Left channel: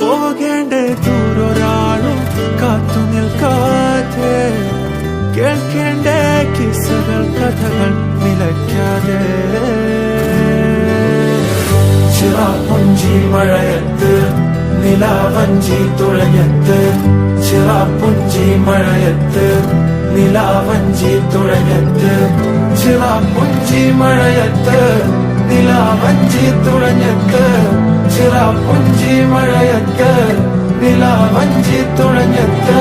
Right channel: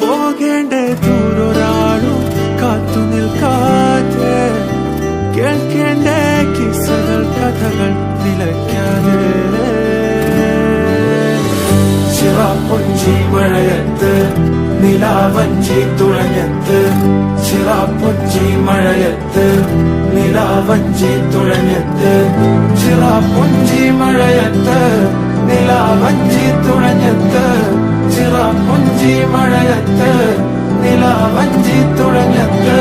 പോകേണ്ട ദൂരൊരാളും കാത്തു നിൽക്കാതെ കേൾക്കേണ്ട കിസ്സകൾ കഥകൾ നിലയ്ക്കാതെ ചിറാപ്പുഞ്ചി മഴയത്ത് നിലാവഞ്ചി തുഴഞ്ഞത്ത് ചിറാപ്പുഞ്ചി മഴയത്ത് നിലാവഞ്ചി തുഴഞ്ഞത്ത് ചിറാപ്പുഞ്ചി മഴയത്ത് നിലാവഞ്ചി തുഴഞ്ഞത്ത് ചിറാപ്പുഞ്ചി മഴയത്ത് നിലാവഞ്ചി തുഴഞ്ഞത്ത്